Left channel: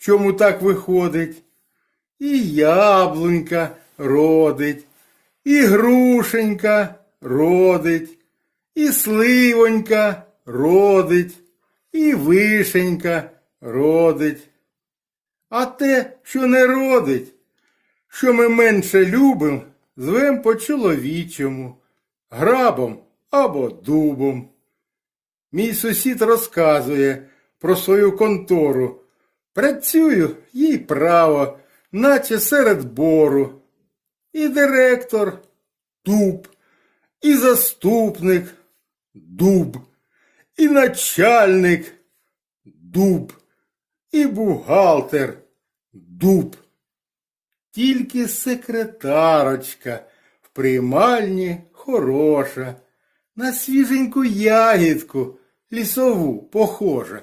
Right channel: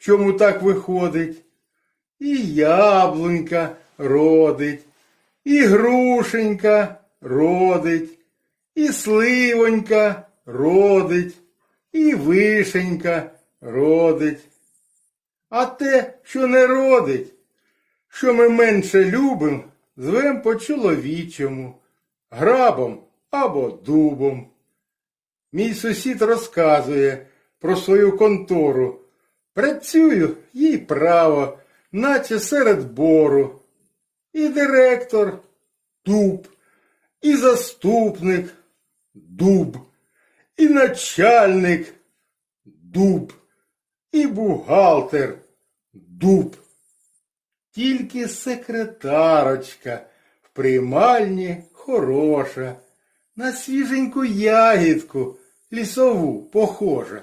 чому так виходить. І яблунька родить, і грушенька родить, і сливонька родить, і вишенька родить. А те, що не родить, що ми менше любимо, звем по-чоловічому, грабом або дубом. Мій сусід розказує про свою контору. Працюю їй право, наче серед бору. І директор дуб, і заступник дуб, і начальник дуб, і бухгалтер дуб. Тільки секретарочка в приймальні хороша, на свіженьку ягідку лісову похожа.